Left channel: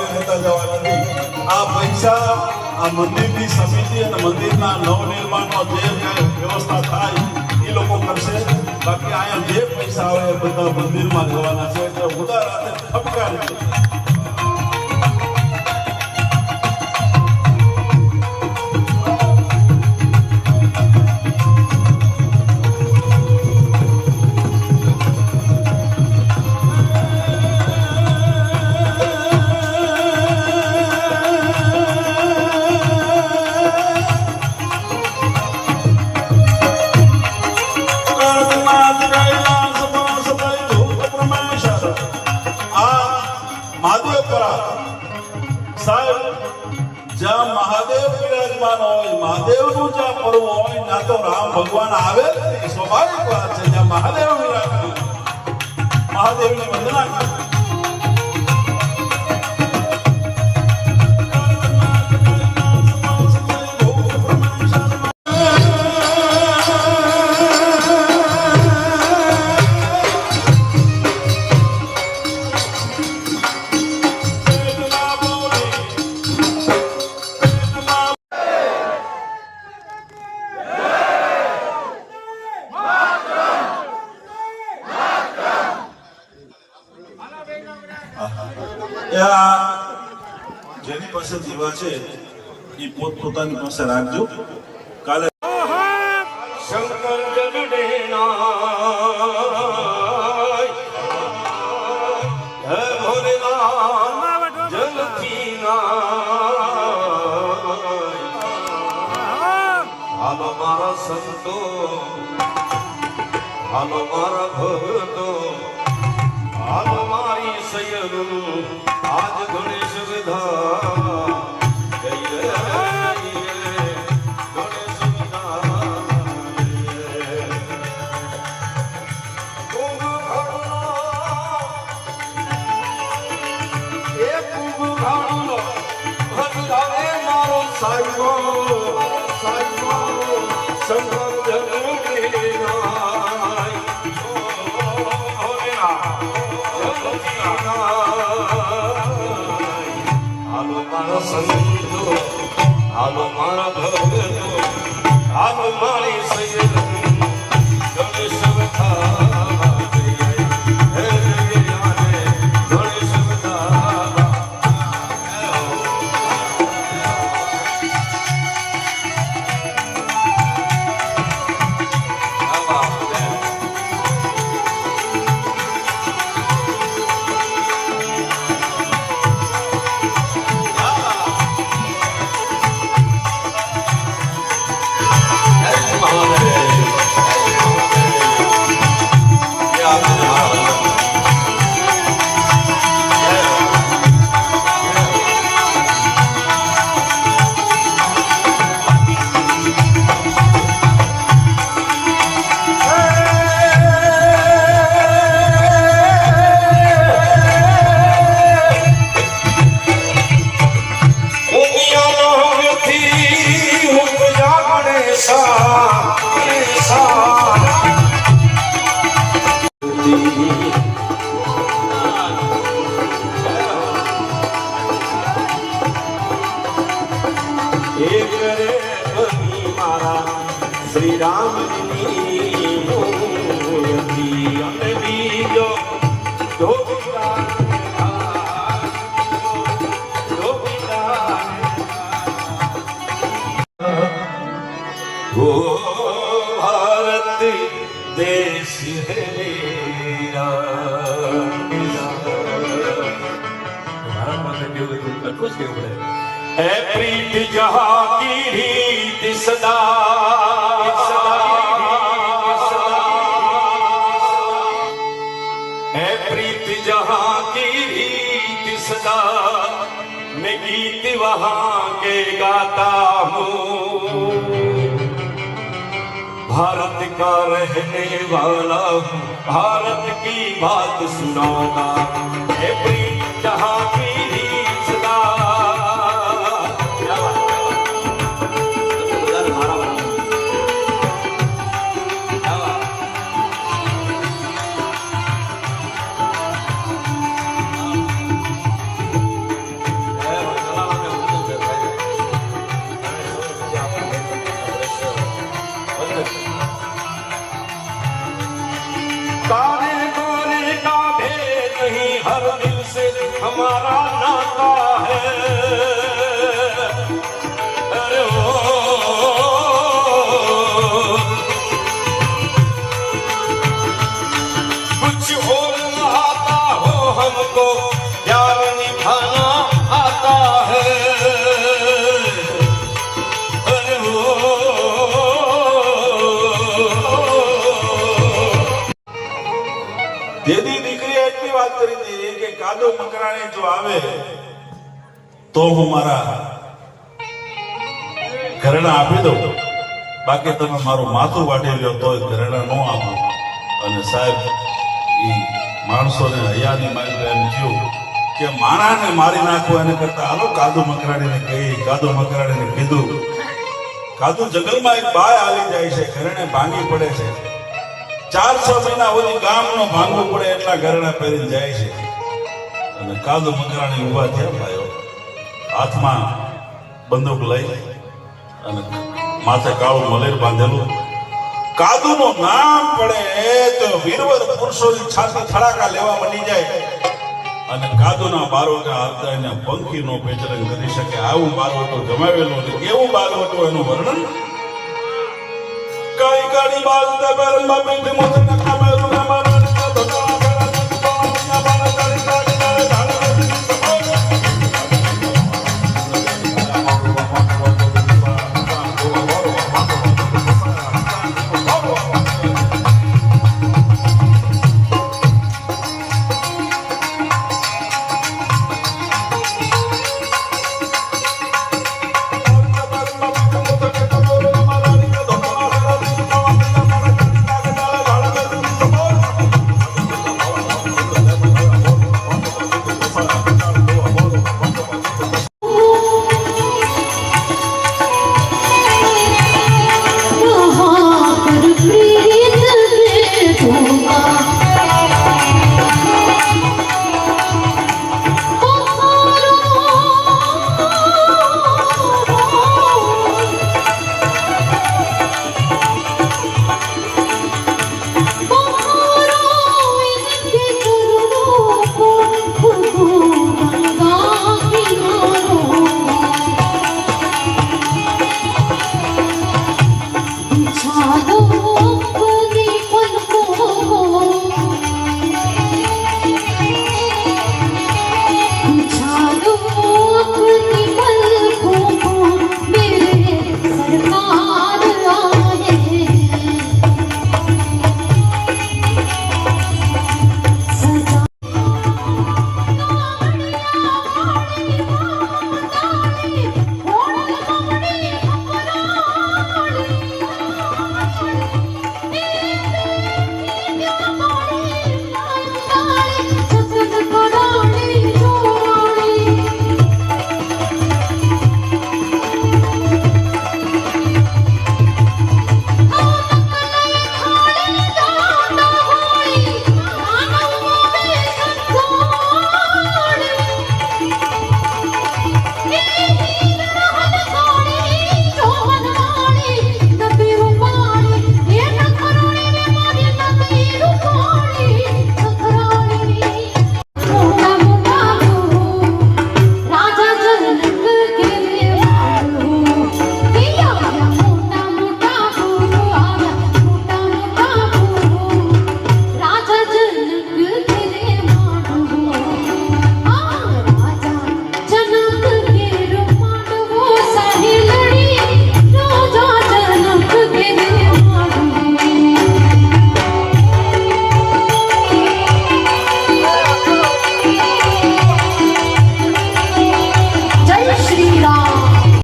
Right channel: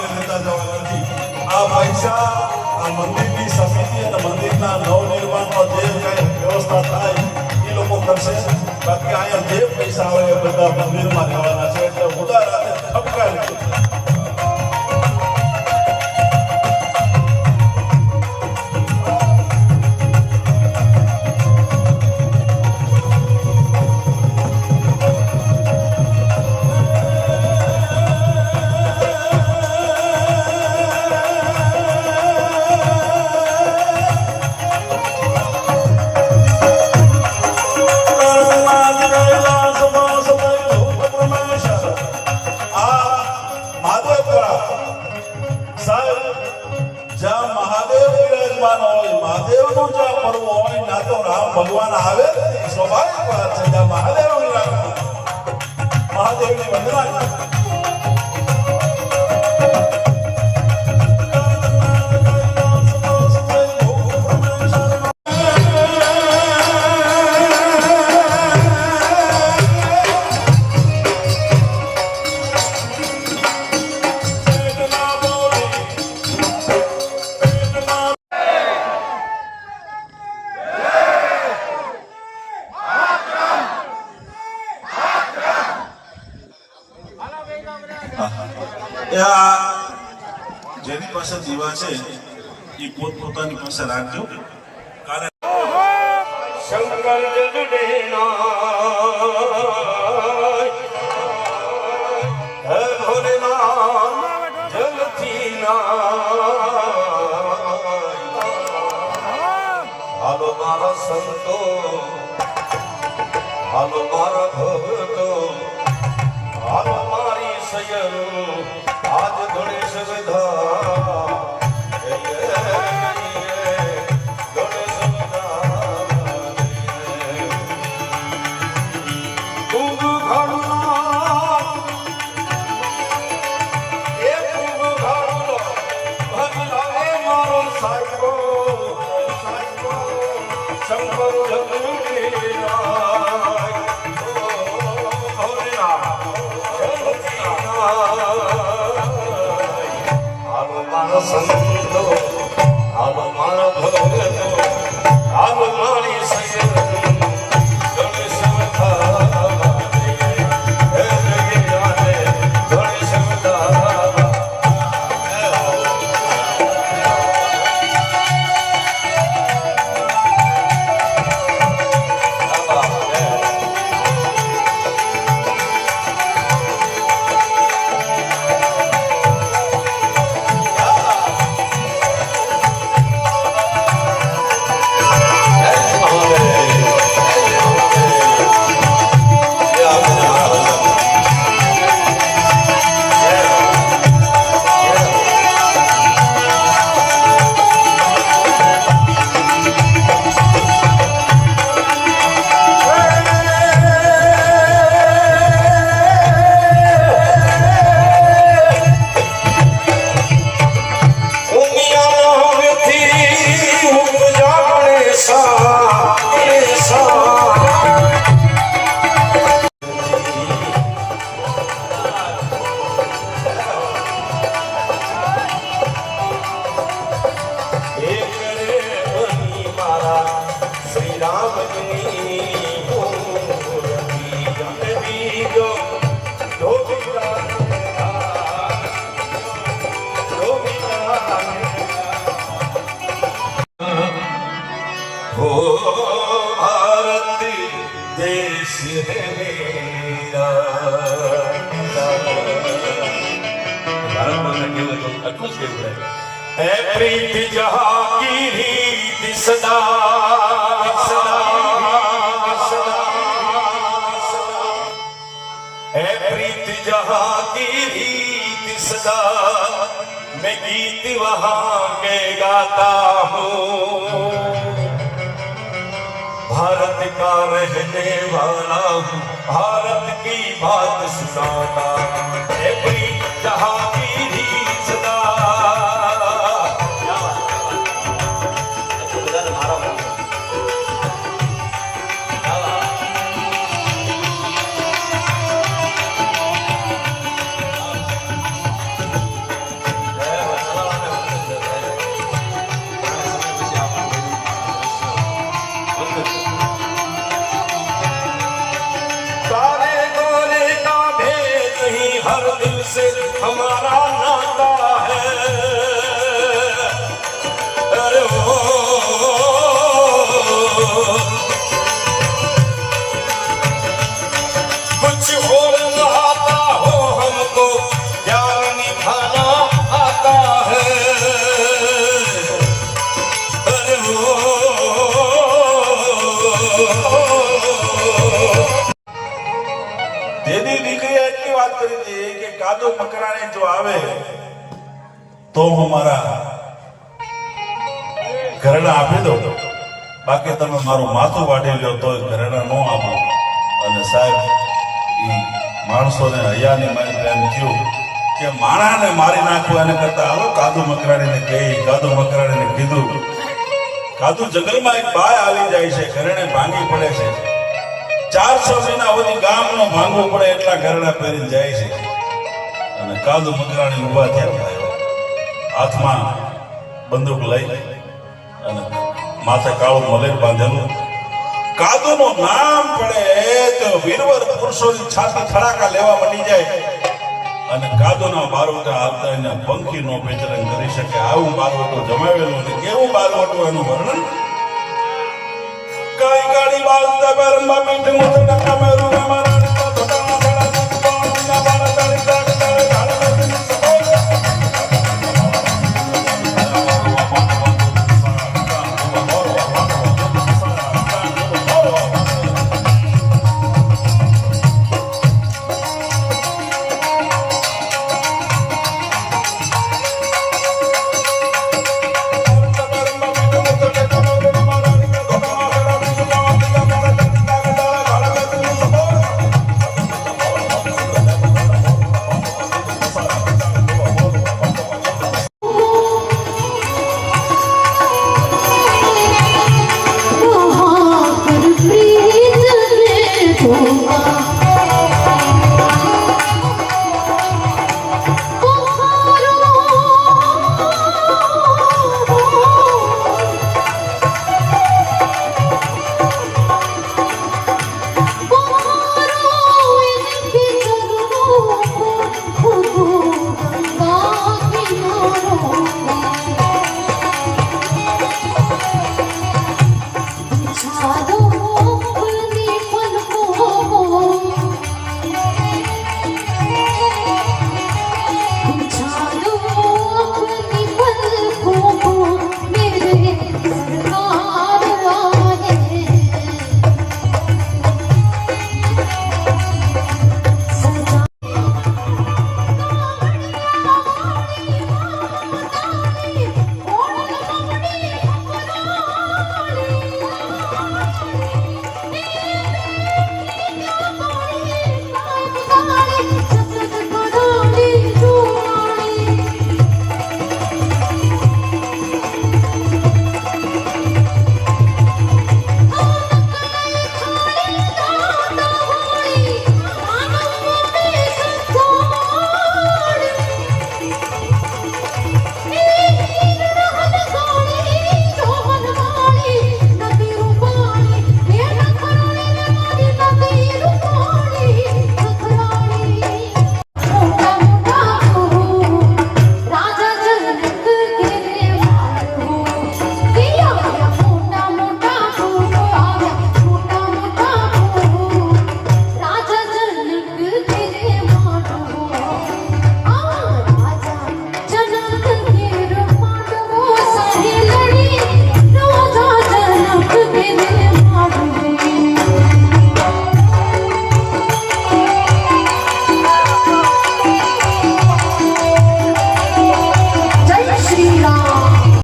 વધારે લેતા જવા નથી. આ પૈસા આ મંદિરની સમિતિ અને મંદિરના નવનિર્માણમાં જે વ્યવસ્થા થાય એ લોકો કરશે. બાકી અહીંયા જે પૈસા આવે બધા મંદિરમાં જવાના છે. એટલે મોટા રાતે ઠપકારી ભગવાન આવે સ્વાભાવિક વાત છે. જ્યાં મહાદેવની રાખવી મહાદેવની વંદના કરવી. જેની પાસે જીવા છે એ પોતપોતાની પાસે રાખજો. કાલે શંકર હાલો મારા સંતો, હાલો મારા ભક્તો, હાલો મારી સજનો, આજ ગણેશ બધા સંતો, હાલો મારા ભક્તો, હાલો મારી સજનો, ગણેશ બધા ગણેશ બધા શ્રી રામની वो भारत देश है मेरा प्रीति जहाँ की रीत सदा प्रीति जहाँ की रीत सदा मैं गीत वहाँ के गाता हूँ भारत का रहने वाला हूँ भारत की बात सुनाता प्रीति जहाँ की रीत सदा તો હું મારા ઘરેણા આપી દઉં, બાકી તમે મારું માથું વાટી લો તો ઘરેણા ન આપો. અને સાહેબ એ માણસોને હૈયાની મારી એમ થયું કે માણાને મારી નાખો એને કરતા હાલો કાદુ મકરાણીને કહી. કાદુ મકરાણીને કીધું. કાદુ જંગલમાં એક બાય હાલી જાય છે, ઘરેણે ભાંગી પડે છે. 400 મહિના સુધી ગામનું ભાંગવું પડે એટલા ઘરેણા પહેરીને જાય છે. અને કાદુ મકરાણી ઉભા થયા, હાથમાં બંદૂક લઈ અને માથે કાળું મલેર બાંધેલું. કાદુનું નામ પડે તો વીરવર પુરુષોની છાતી થડાકા લેવા મળી જાય. અને કાદુના બારોટા હાલતા એને પંખી નો પેચરણ કરી શકે. આવું બારોટો જમાવેલું છે. કેવું બારોટો એનું વર્ણન કઈ ગાડી બાલતા પરમા પીઠ